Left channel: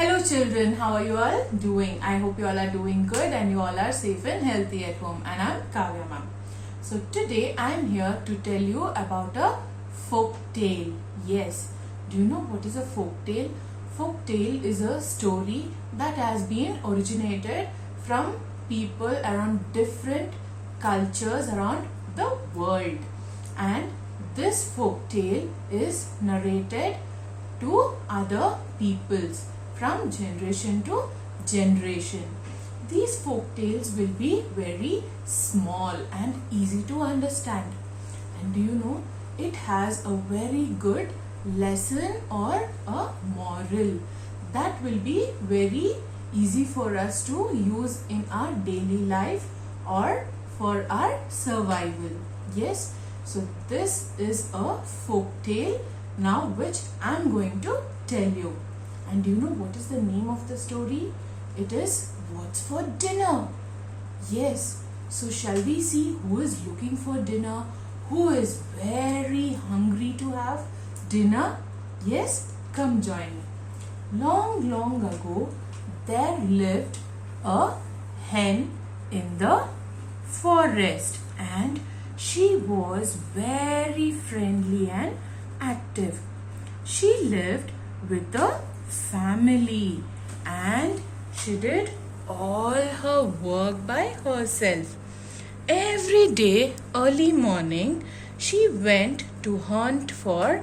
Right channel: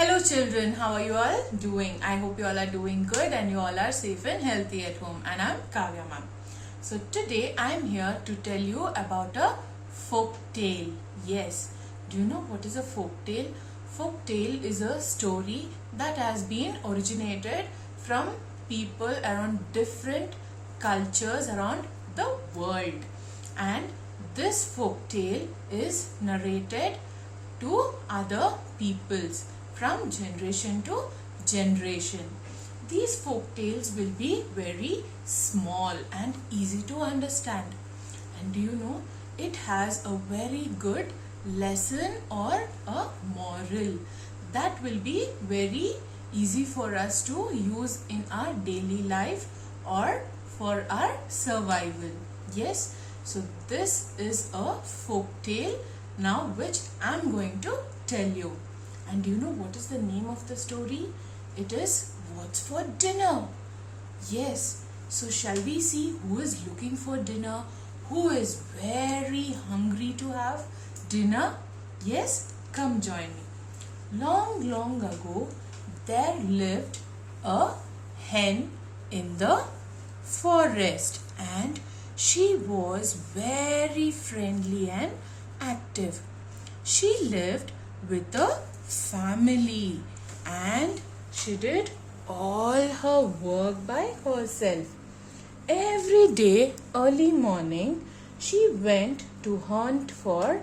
Hello children, how are you all doing? I hope you all are doing good and you all are safe and healthy at home. And I'm Kavya ma'am. So today I'm here to tell you about a folk tale. Yes, do you know what is a folk tale? Folk tale is a story that has been originated from people around different cultures around the world. And this folk tale is narrated to other peoples from generation to generation. These folk tales will be very small and easy to understand. And do you know, it has a very good lesson or a moral that will be very easy for us to use in our daily life or for our survival. Yes, so this is a folk tale now which I am going to tell you. And do you know what is the name of the story? It is What's for Dinner? Yes, so shall we see who is looking for dinner? Who is very hungry to have dinner? Yes, come join me. Long, long ago, there lived a hen in the forest, and she was very friendly and active. She lived with a family and she did all her work by herself. Every day, early morning, she went to hunt for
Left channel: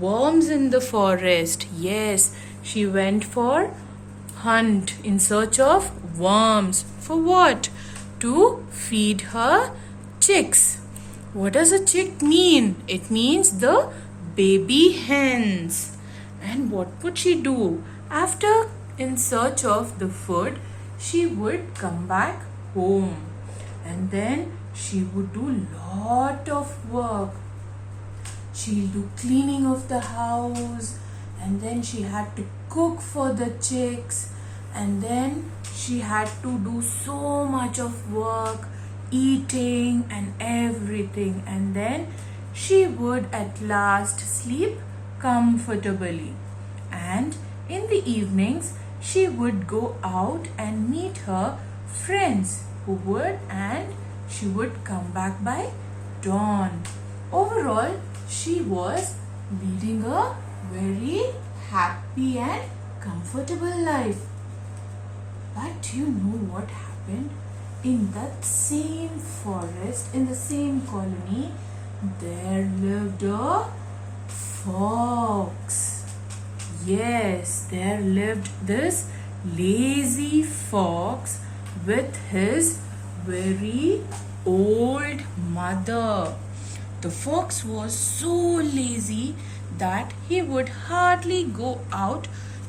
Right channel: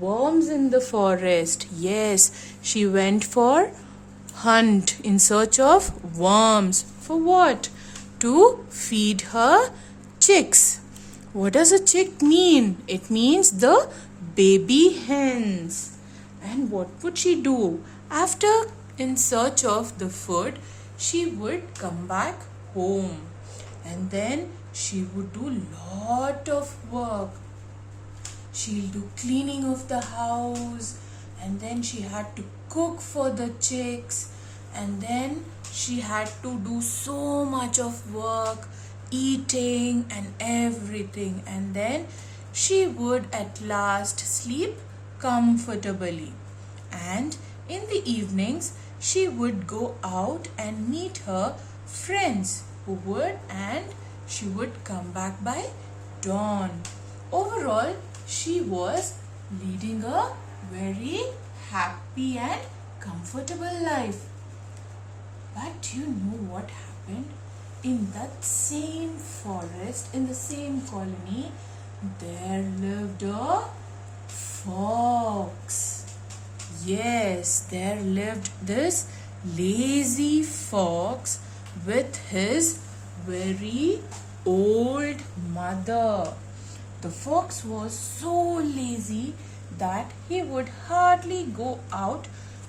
worms in the forest. Yes, she went for hunt in search of worms. For what? To feed her chicks. What does a chick mean? It means the baby hens. And what would she do? After in search of the food, she would come back home. And then she would do lot of work. She'll do cleaning of the house. And then she had to cook for the chicks. And then she had to do so much of work, eating and everything. And then she would at last sleep comfortably. And in the evenings, she would go out and meet her friends and she would come back by dawn. Overall, she was leading a very happy and comfortable life. But you know what happened? In that same forest, in the same colony, there lived a fox. Yes, there lived this lazy fox with his very old mother. The fox was so lazy that he would hardly go out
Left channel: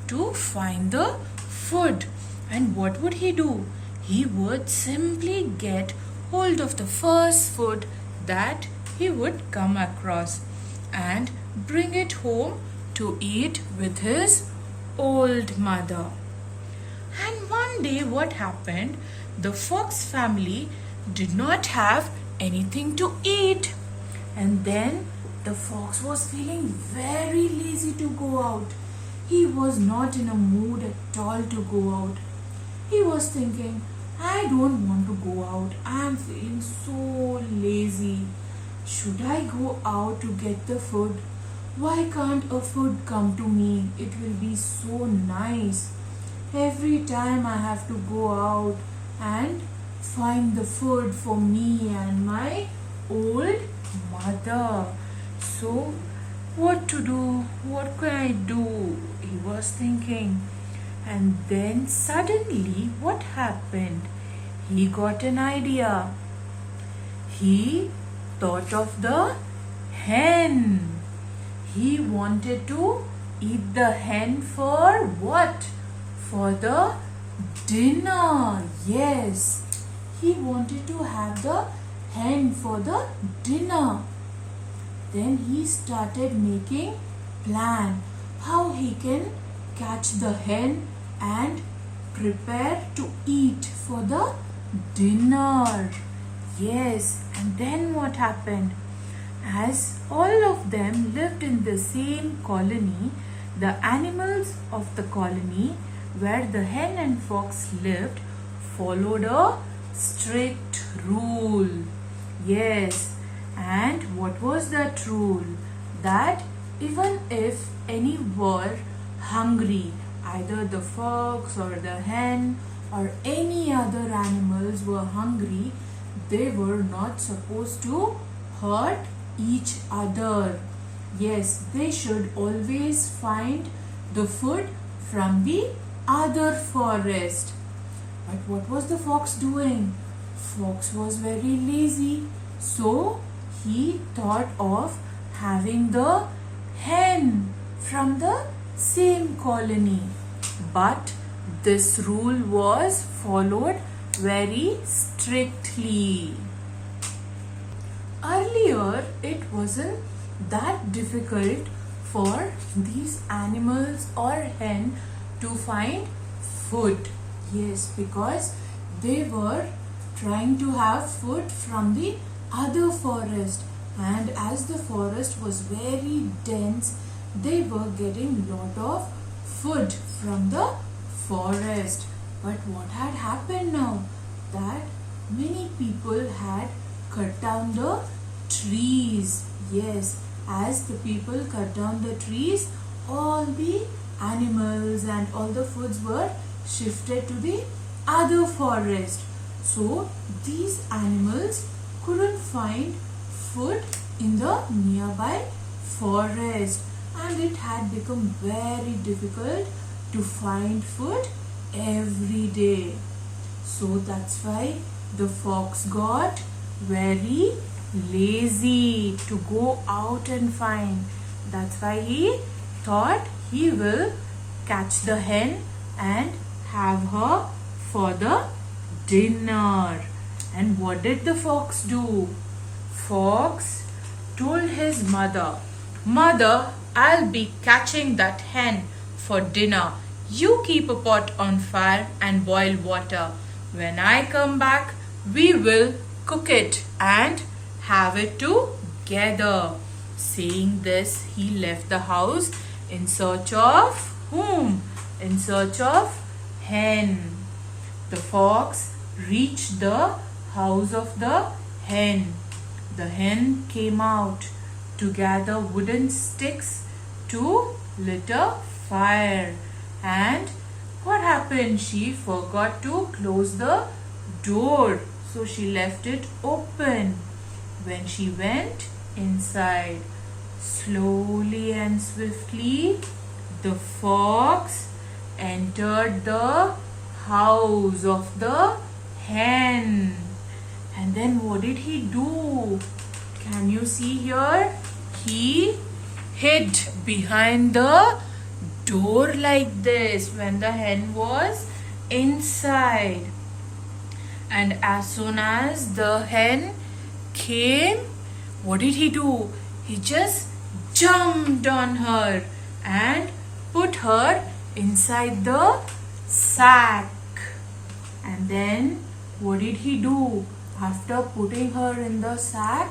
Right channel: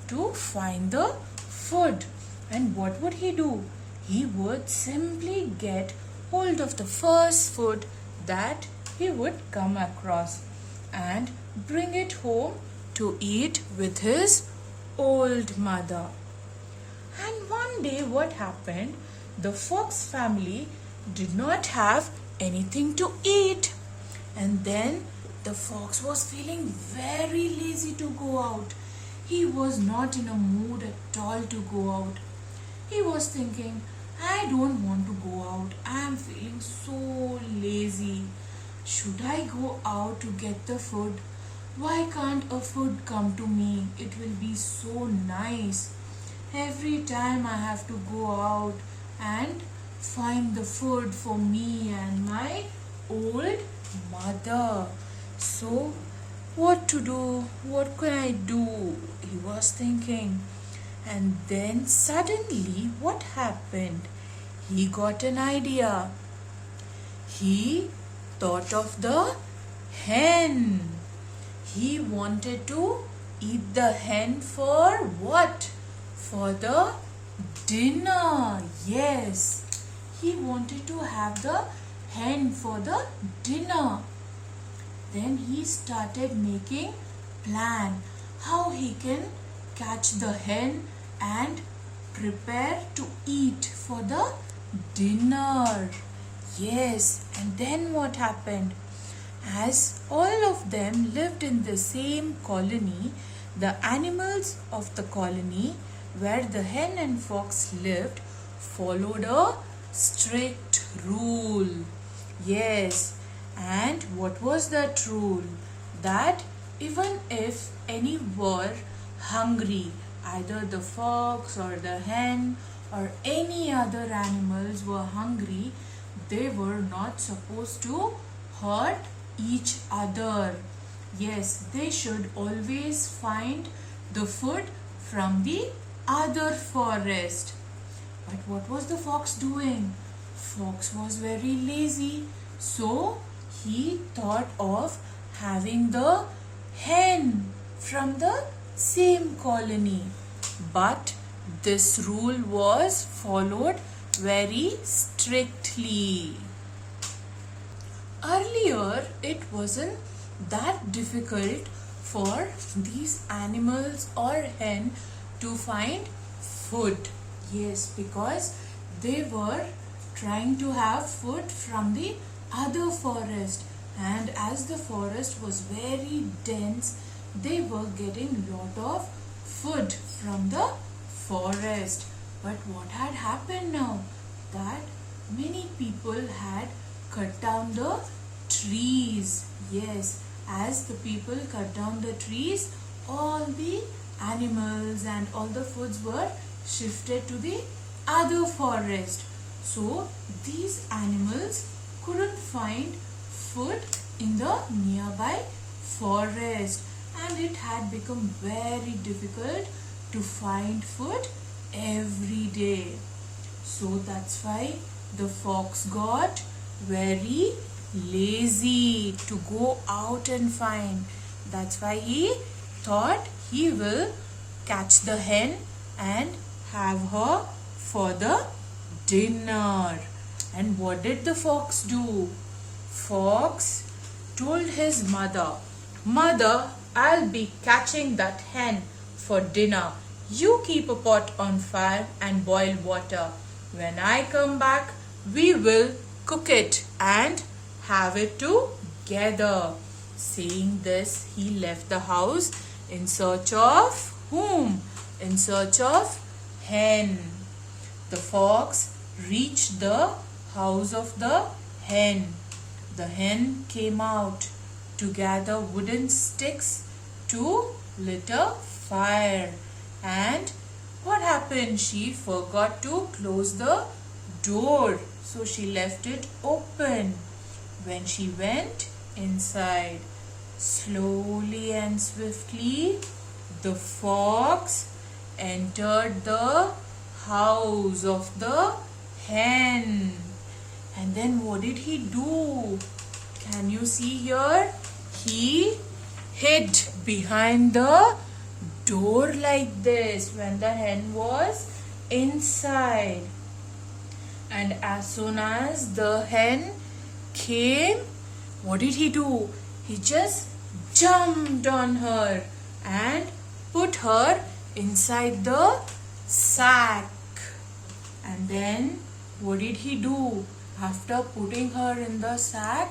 to find the food. And what would he do? He would simply get hold of the first food that he would come across and bring it home to eat with his old mother. And one day what happened? The fox family did not have anything to eat. And then the fox was feeling very lazy to go out. He was not in a mood at all to go out. He was thinking, I don't want to go out. I am feeling so lazy. Should I go out to get the food? Why can't a food come to me? It will be so nice. Every time I have to go out and find the food for me and my old mother. So, what to do? What can I do? He was thinking. And then suddenly, what happened? He got an idea. He thought of the hen. He wanted to eat the hen for what? For the dinner. Yes, he wanted to have the hen for the dinner. Then he started making plan how he can catch the hen and prepare to eat for the dinner. Yes, and then what happened? As all of them lived in the same colony, the animals of the colony where the hen and fox lived followed a strict rule. Yes, and what was that rule? That even if any were hungry, either the fox or the hen or any other animals were hungry, they were not supposed to hurt each other. Yes, they should always find the food from the other forest. But what was the fox doing? Fox was very lazy, so he thought of having the hen from the same colony. But this rule was followed very strictly. Earlier, it wasn't that difficult for these animals or hen to find food. Yes, because they were trying to have food from the other forest, and as the forest was very dense, they were getting lot of food from the forest. But what had happened now? That many people had cut down the trees. Yes, as the people cut down the trees, all the animals and all the foods were shifted to the other forest. So these animals couldn't find food in the nearby forest, and it had become very difficult to find food every day. So that's why the fox got very lazy to go out and find. That's why he thought he will catch the hen and have her for the dinner. And what did the fox do? Fox told his mother, "Mother, I'll be catching that hen for dinner. You keep a pot on fire and boil water. When I come back, we will cook it and have it together." Saying this, he left the house in search of whom? In search of hen. The fox reached the house of the hen. The hen came out to gather wooden sticks to lit a fire. And what happened? She forgot to close the door, so she left it open. When she went inside, slowly and swiftly, the fox entered the house of the hen. And then what did he do? Can you see here? He hid behind the door like this when the hen was inside. And as soon as the hen came, what did he do? He just jumped on her and put her inside the sack. And then what did he do? After putting her in the sack,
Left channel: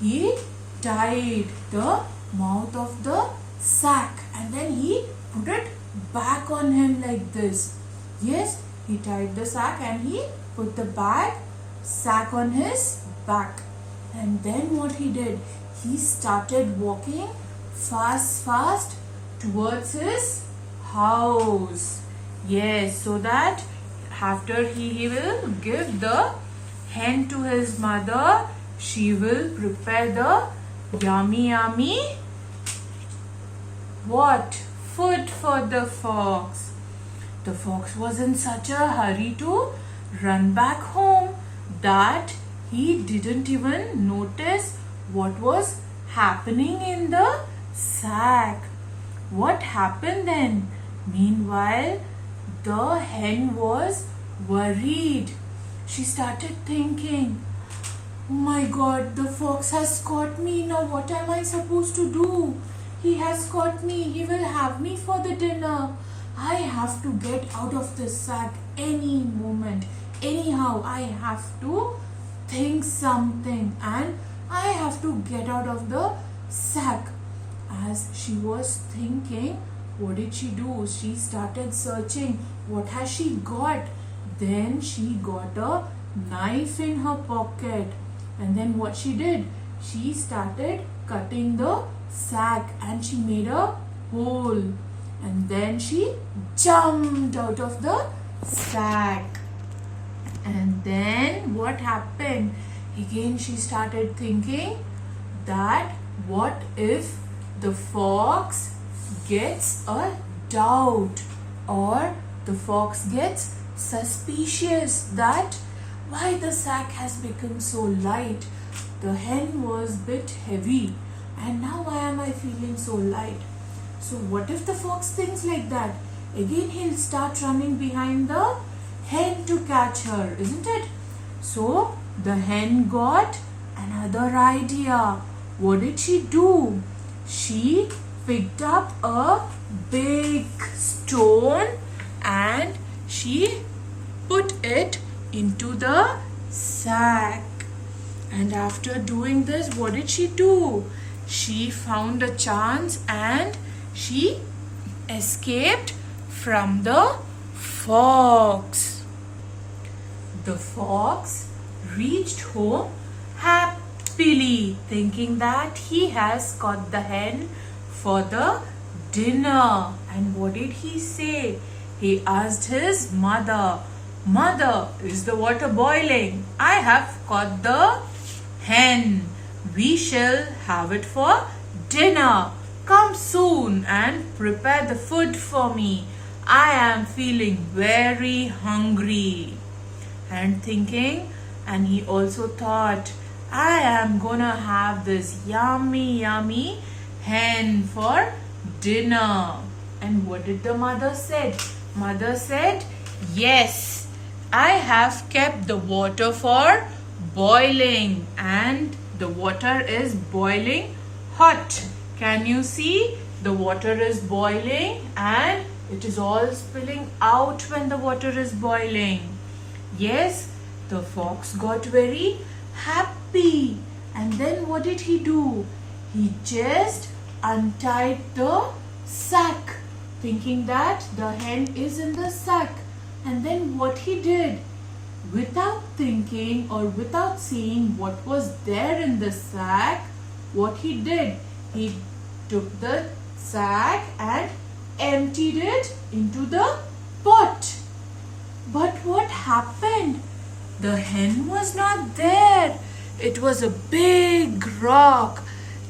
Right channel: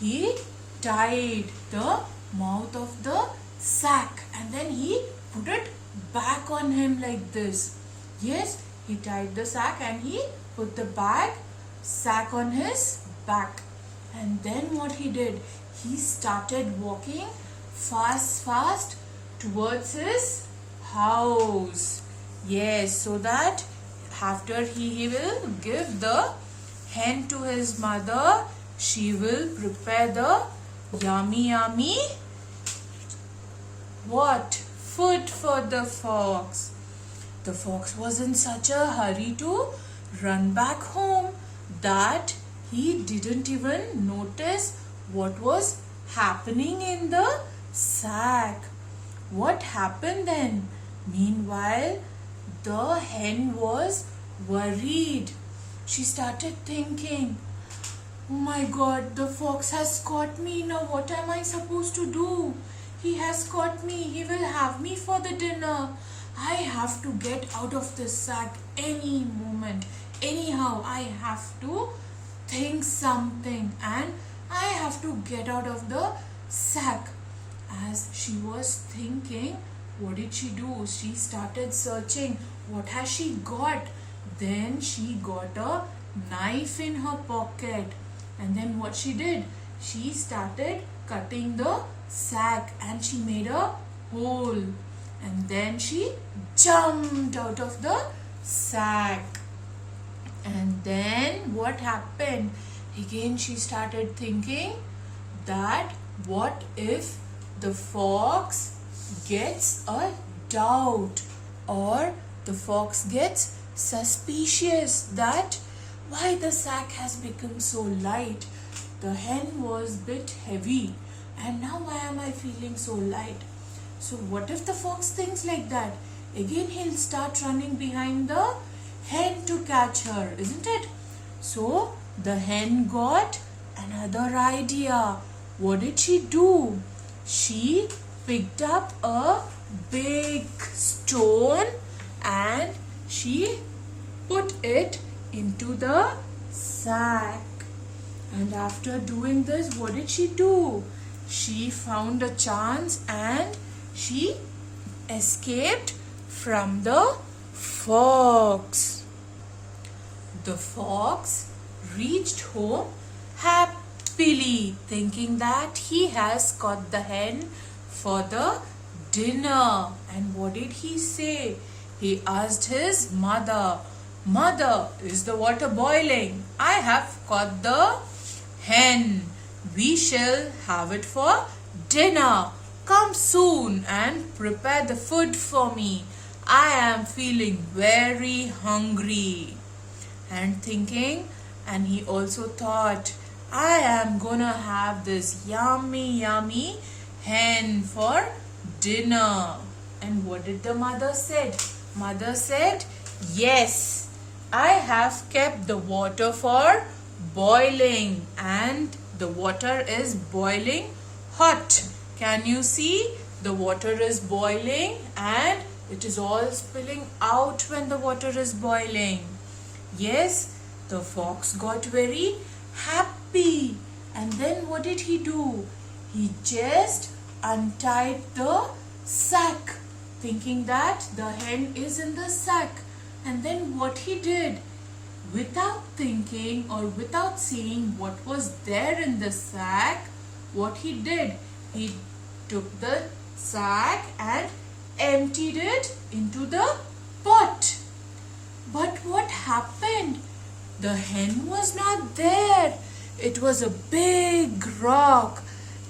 he tied the mouth of the sack and then he put it back on him like this. Yes, he tied the sack and he put the sack on his back. And then what he did? He started walking fast towards his house. Yes, so that after he will give the hen to his mother, she will prepare the yummy what? Food for the fox. The fox was in such a hurry to run back home that he didn't even notice what was happening in the sack. What happened then? Meanwhile, the hen was worried. She started thinking, "Oh my God, the fox has caught me. Now what am I supposed to do? He has caught me. He will have me for the dinner. I have to get out of this sack any moment. Anyhow, I have to think something and I have to get out of the sack." As she was thinking, what did she do? She started searching. What has she got? Then she got a knife in her pocket. And then what she did? She started cutting the sack and she made a hole. And then she jumped out of the sack. And then what happened? Again she started thinking that what if the fox gets a doubt, or the fox gets suspicious that why the sack has become so light. The hen was bit heavy and now why am I feeling so light? So what if the fox thinks like that? Again he'll start running behind the hen to catch her, isn't it? So the hen got another idea. What did she do? She picked up a big stone and she put it into the sack. And after doing this, what did she do? She found a chance and she escaped from the fox. The fox reached home happily, thinking that he has caught the hen for the dinner. And what did he say? He asked his mother, "Mother, is the water boiling? I have caught the hen. We shall have it for dinner. Come soon and prepare the food for me. I am feeling very hungry." And thinking, and he also thought, I am gonna have this yummy hen for dinner. And what did the mother say? Mother said, yes, I have kept the water for boiling and the water is boiling hot. Can you see? The water is boiling and it is all spilling out when the water is boiling. Yes, the fox got very happy. And then what did he do? He just untied the sack, thinking that the hen is in the sack. And then what he did, without thinking or without seeing what was there in the sack, what he did, he took the sack and emptied it into the pot. But what happened? The hen was not there. It was a big rock.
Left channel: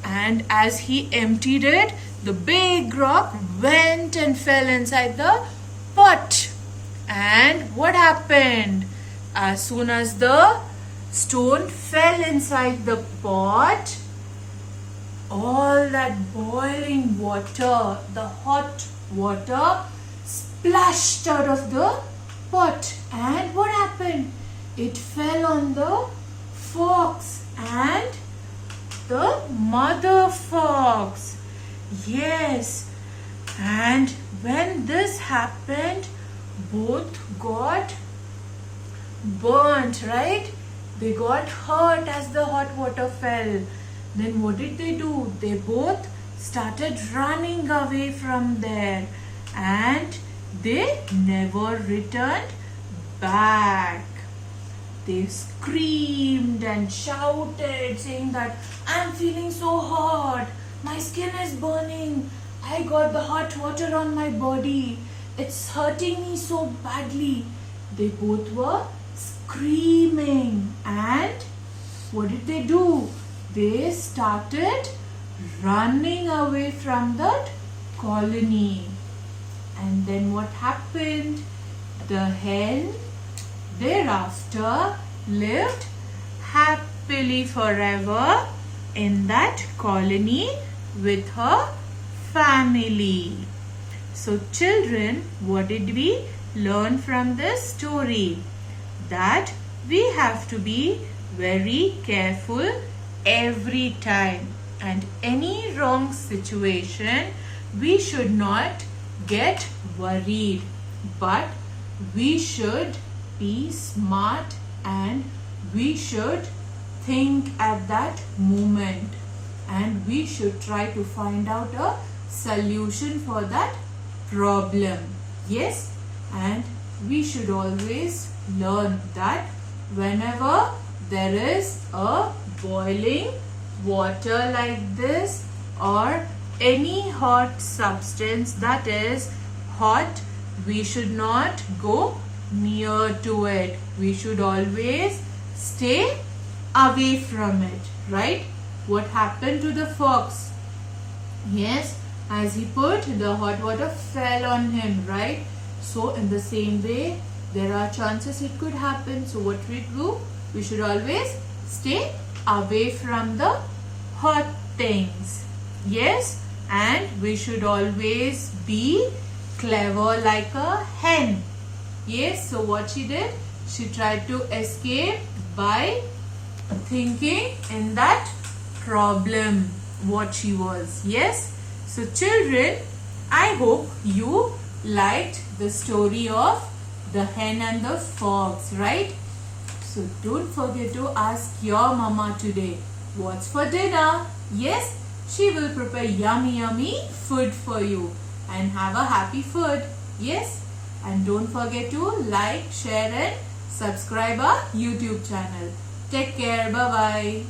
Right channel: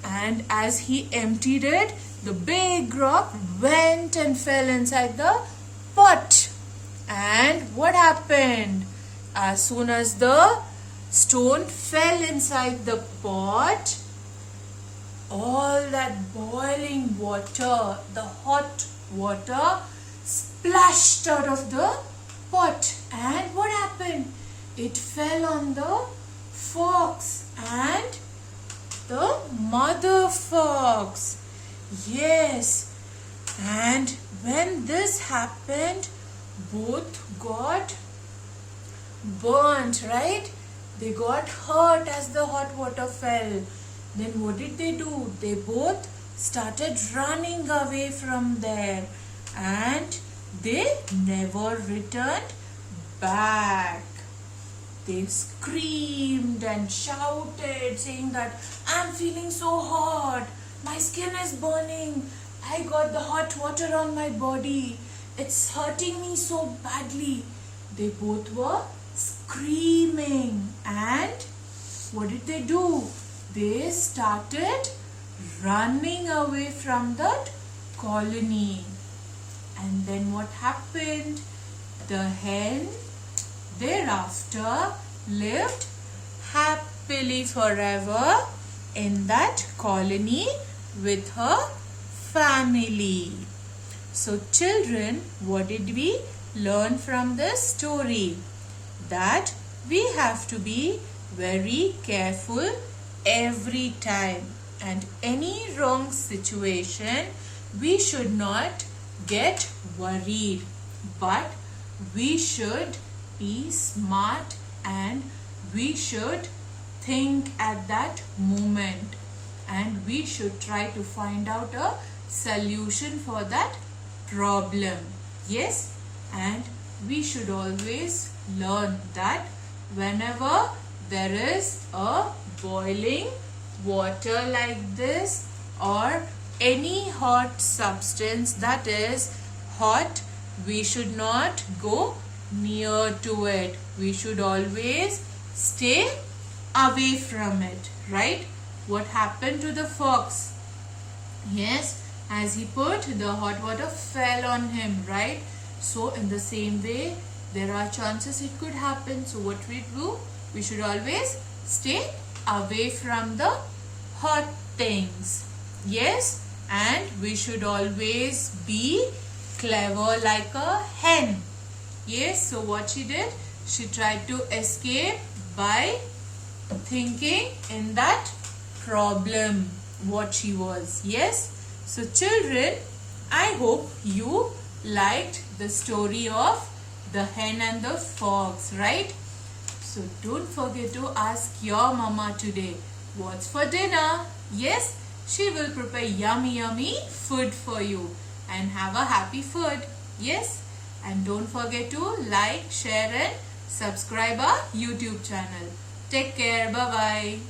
And as he emptied it, the big rock went and fell inside the pot. And what happened? As soon as the stone fell inside the pot, all that boiling water, the hot water, splashed out of the pot. And what happened? It fell on the fox and the mother fox. Yes. And when this happened, both got burnt, right? They got hurt as the hot water fell. Then what did they do? They both started running away from there and they never returned back. They screamed and shouted, saying that I'm feeling so hot, my skin is burning, I got the hot water on my body, it's hurting me so badly. They both were screaming. And what did they do? They started running away from that colony. And then what happened? The hen thereafter lived happily forever in that colony with her family. So children, what did we learn from this story? That we have to be very careful every time, and any wrong situation we should not get worried, but we should be smart and we should think at that moment and we should try to find out a solution for that problem. Yes, and we should always learn that whenever there is a boiling water like this or any hot substance that is hot, we should not go near to it. We should always stay away from it, right? What happened to the fox? Yes, as he put, the hot water fell on him, right? So in the same way, there are chances it could happen. So what we do? We should always stay away from the hot things. Yes, and we should always be clever like a hen. Yes, so what she did? She tried to escape by thinking in that problem what she was. Yes, so children, I hope you liked the story of the hen and the fox, right? So don't forget to ask your mama today, what's for dinner? Yes, she will prepare yummy food for you and have a happy food. Yes, and don't forget to like, share and subscribe our YouTube channel. Take care. Bye-bye.